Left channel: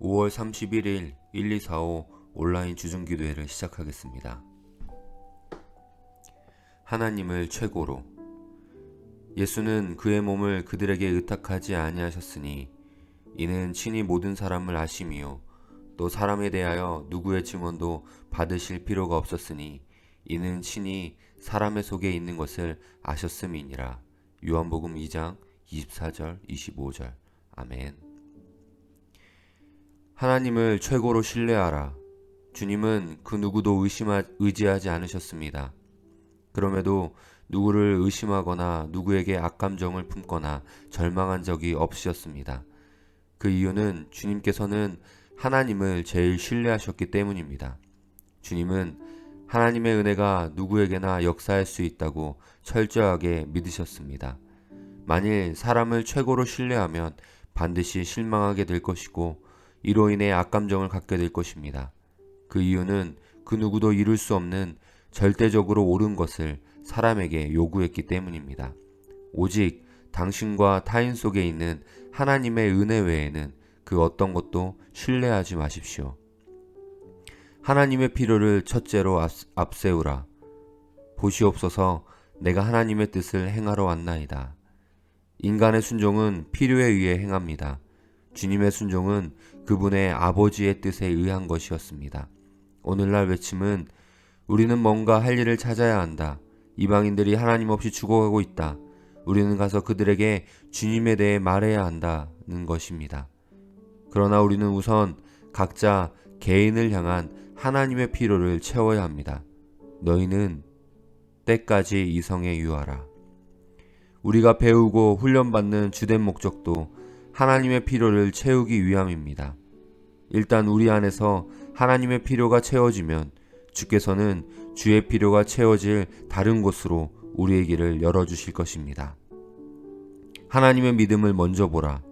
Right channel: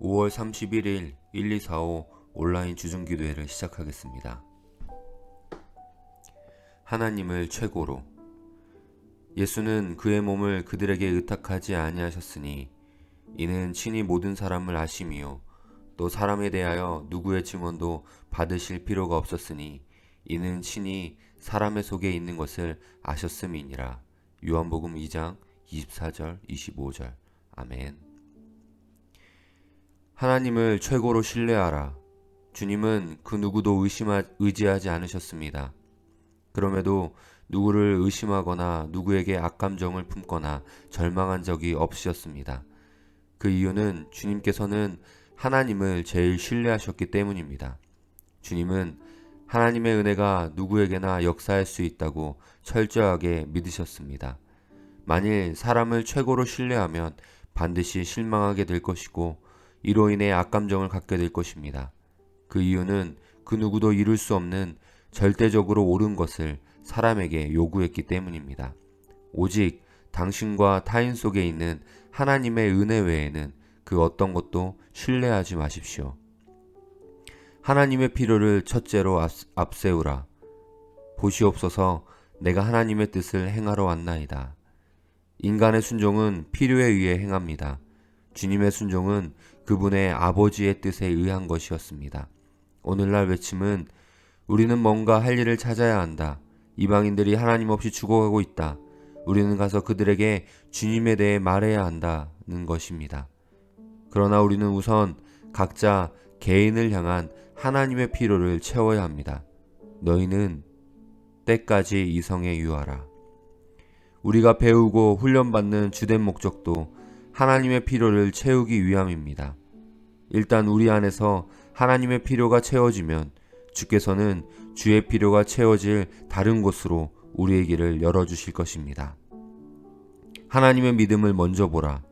5월 31일 1245 온라인 주중기도회를 시작하겠습니다. 하나님을 최고로. 예수는 그의 몸을 그들에게 의탁하지 아니하셨으니 이는 친히 모든 사람을 아심이요 또 사람에 대하여 누구의 증언도 받으실 필요가 없었으니 이는 친히 사람의 속에 있는 것을 아셨음이니라. 요한복음 2장 24절 25절. 아멘. 하나님을 최고로 신뢰하라. 주님은 그 누구도 의지하지 않으셨습니다. 그럼에도 누구를 의심하거나 누구에게 악감정을 품거나 절망한 적이 없으셨습니다. 그 이유는 주님께서는 하나님을 제일 신뢰하셨기 때문입니다. 주님은 하나님의 은혜가 누구에게나 역사할 수 있다고 철저하게 믿으셨습니다. 만일 사람을 최고로 신뢰하면 반드시 실망하게 될 것이고 이로 인해 악감정을 갖게 될 것입니다. 그 이유는 그 누구도 이룰 수 없는 절대적으로 옳은 것을 사람에게 요구했기 때문입니다. 오직 당신과 타인 속에 있는 하나님의 은혜 외에는 그 어떤 것도 신뢰하지 마십시오. 하나님의 필요를 첫째로 앞세우라. 보시옵소서, 내가 하나님의 뜻을 행하러 왔나이다. 인간의 순종은 필요에 의해 행합니다. 주님의 순종은 그분의 아버지의 뜻에 의한 것이었습니다. 오늘날 외침은 우리는 뭔가 할 일을 찾아야 한다. 이방인들이 하나님 없이 죽어가고 있다. 우리는 가서 그들에게 주님에 대해 말해야 한다는 것입니다. 그러나 우리는 우선 각자 개인을 향한 하나님의 필요를 채워야 합니다. 너희는 때까지 이성에 유하라. 우리가 배우고 훈련받는 주된 목적도 하나님의 필요를 채우기 위함입니다. 일단 우리 안에서 하나님의 필요가 채워지면 주께서는 주의 필요가 채워질 다른 곳으로 우리의 길을 열어주실 것입니다. 하나님의 믿음을 먼저 보라.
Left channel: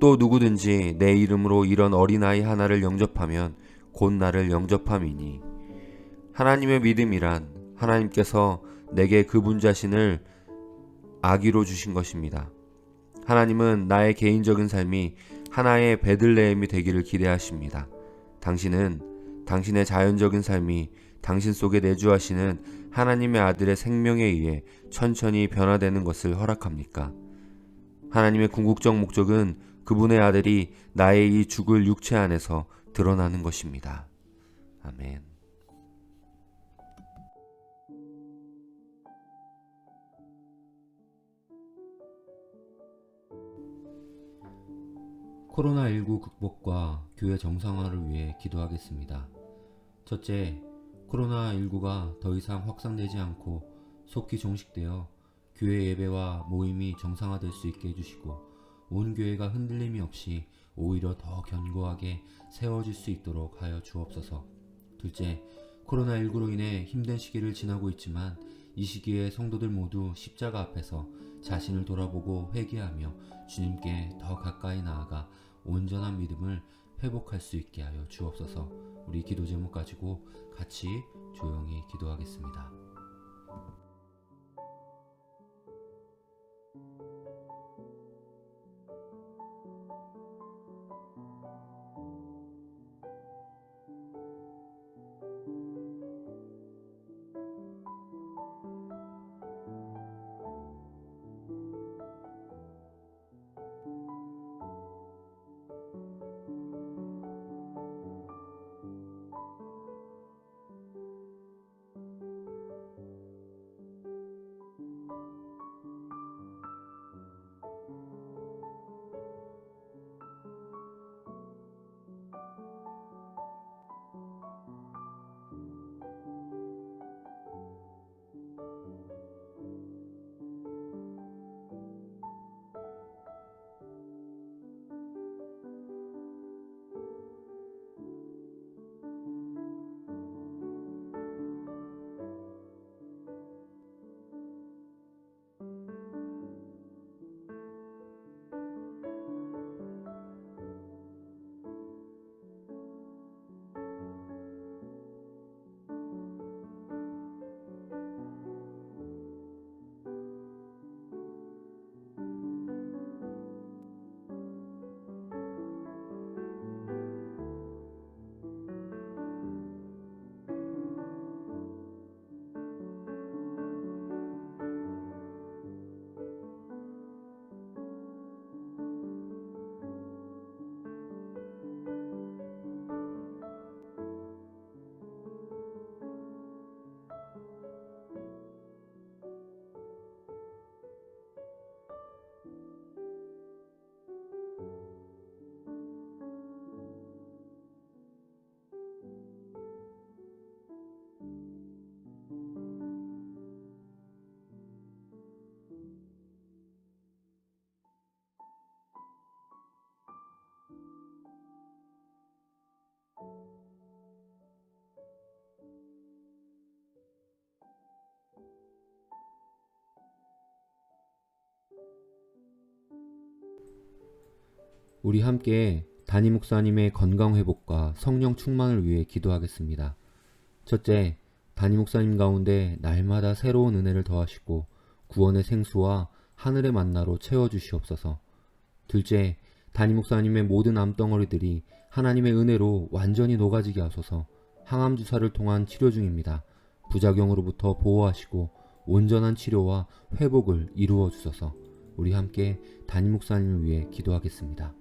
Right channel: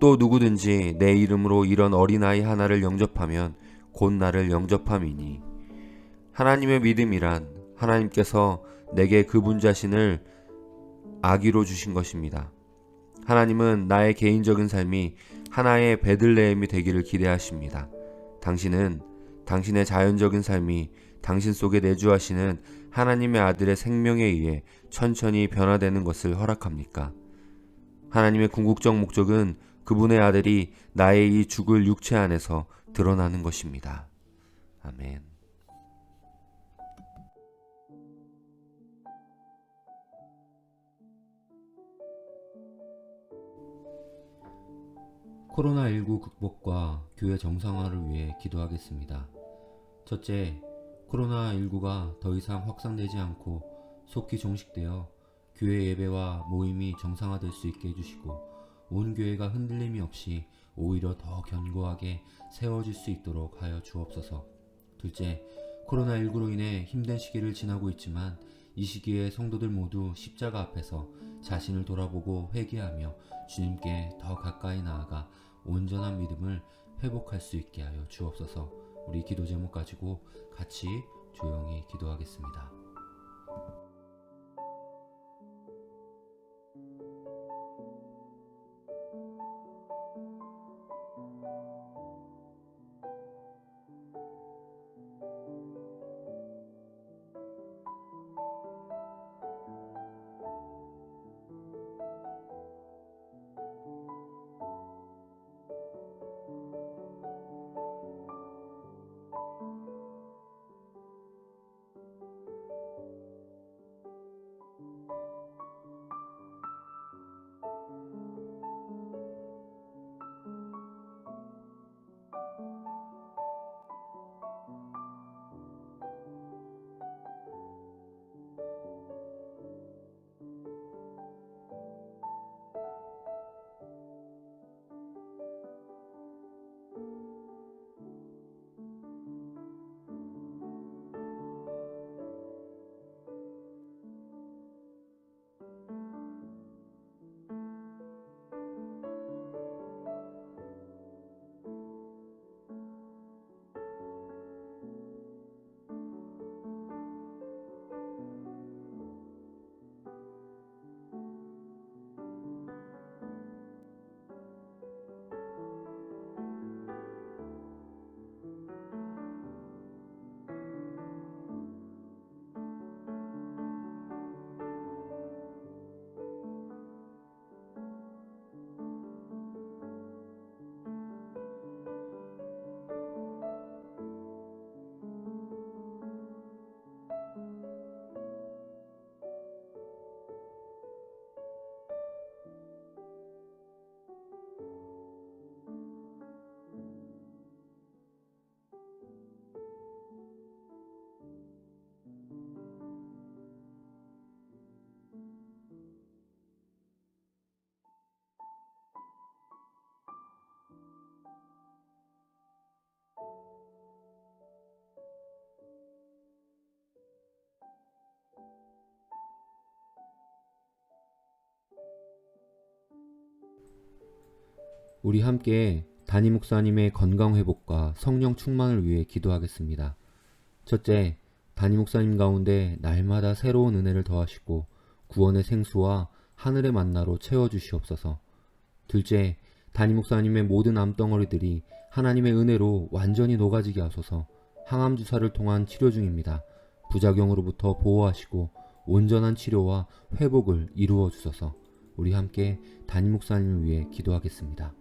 또 누구든지 내 이름으로 이런 어린아이 하나를 영접하면 곧 나를 영접함이니. 하나님의 믿음이란 하나님께서 내게 그분 자신을 아기로 주신 것입니다. 하나님은 나의 개인적인 삶이 하나의 베들레헴이 되기를 기대하십니다. 당신은 당신의 자연적인 삶이 당신 속에 내주하시는 하나님의 아들의 생명에 의해 천천히 변화되는 것을 허락합니까? 하나님의 궁극적 목적은 그분의 아들이 나의 이 죽을 육체 안에서 드러나는 것입니다. 아멘. 코로나19 극복과 교회 정상화를 위해 기도하겠습니다. 첫째, 코로나19가 더 이상 확산되지 않고 속히 종식되어 교회 예배와 모임이 정상화될 수 있게 해주시고 온 교회가 흔들림이 없이 오히려 더 견고하게 세워질 수 있도록 하여 주옵소서. 둘째, 코로나19로 인해 힘든 시기를 지나고 있지만 이 시기에 성도들 모두 십자가 앞에서 자신을 돌아보고 회개하며 주님께 더 가까이 나아가 온전한 믿음을 회복할 수 있게 하여 주옵소서. 우리 기도 제목 가지고 같이 조용히 기도하겠습니다. 우리 함께 담임 목사님의 건강 회복과 성령 충만을 위해 기도하겠습니다. 첫째, 담임 목사님 가운데 날마다 새로운 은혜를 더하시고 구원의 생수와 하늘의 만나로 채워주시옵소서. 둘째, 담임 목사님의 모든 암덩어리들이 하나님의 은혜로 완전히 녹아지게 하소서. 항암 주사를 통한 치료 중입니다. 부작용으로부터 보호하시고 온전한 치료와 회복을 이루어 주소서. 우리 함께 담임 목사님을 위해 기도하겠습니다.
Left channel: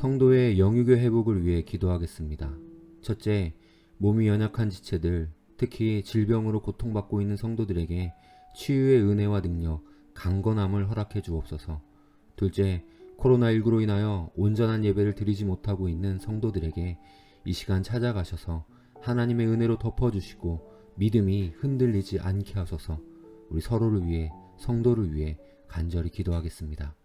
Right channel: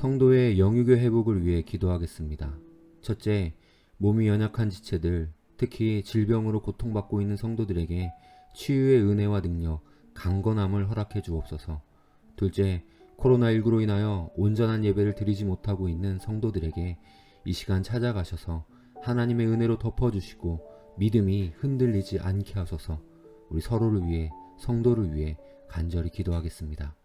성도의 영유교 회복을 위해 기도하겠습니다. 첫째, 몸이 연약한 지체들, 특히 질병으로 고통받고 있는 성도들에게 치유의 은혜와 능력, 강건함을 허락해 주옵소서. 둘째, 코로나19로 인하여 온전한 예배를 드리지 못하고 있는 성도들에게 이 시간 찾아가셔서 하나님의 은혜로 덮어주시고 믿음이 흔들리지 않게 하소서. 우리 서로를 위해, 성도를 위해 간절히 기도하겠습니다.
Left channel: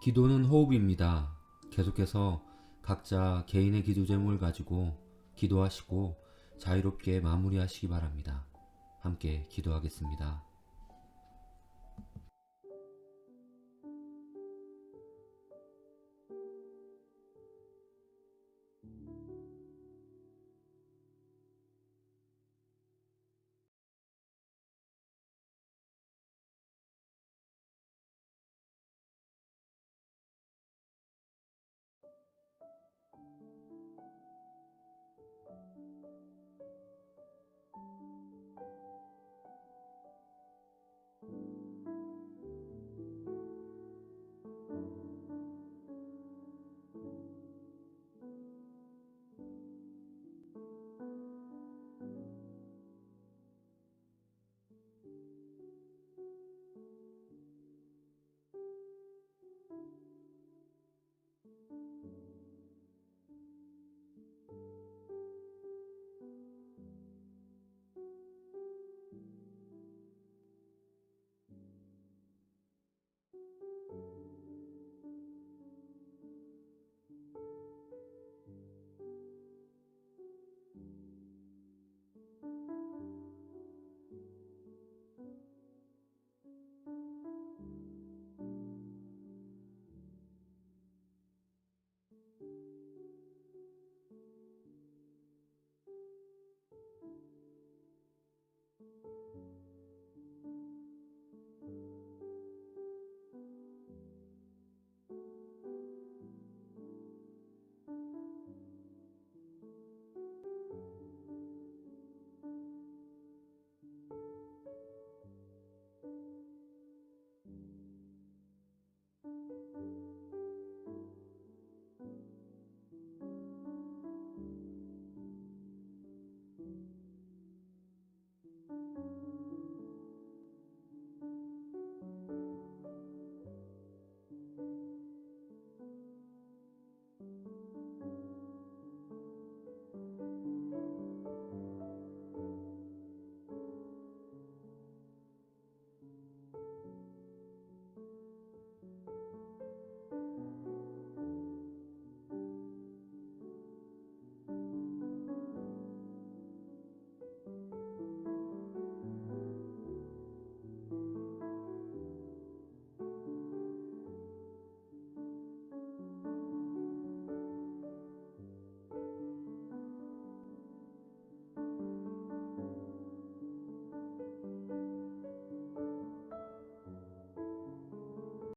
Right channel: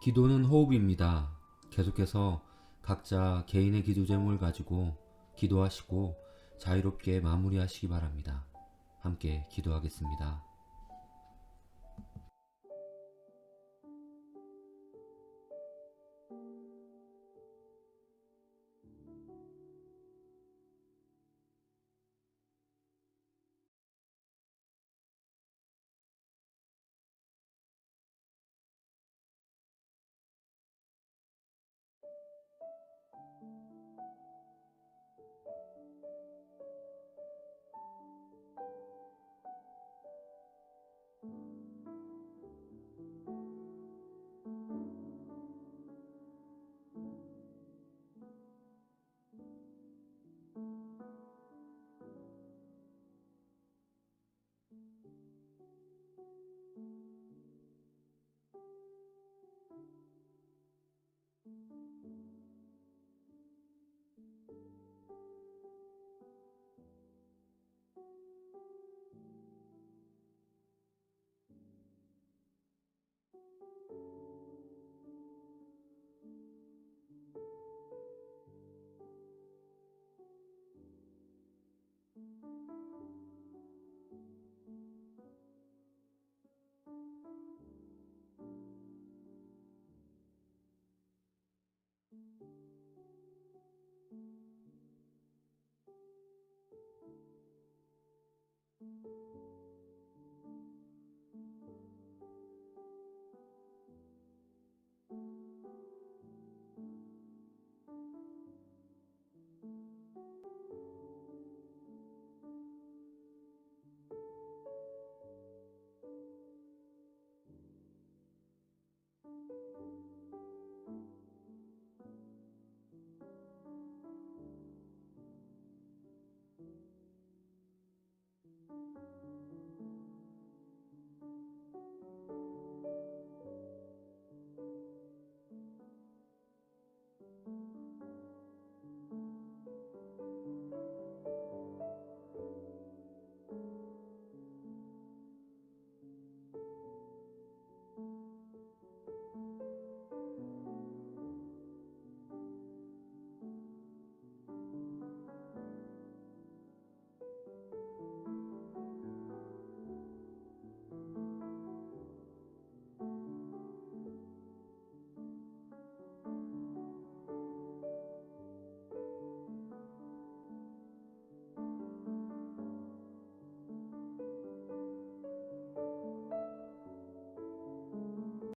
기도는 호흡입니다. 계속해서 각자 개인의 기도 제목을 가지고 기도하시고 자유롭게 마무리하시기 바랍니다. 함께 기도하겠습니다.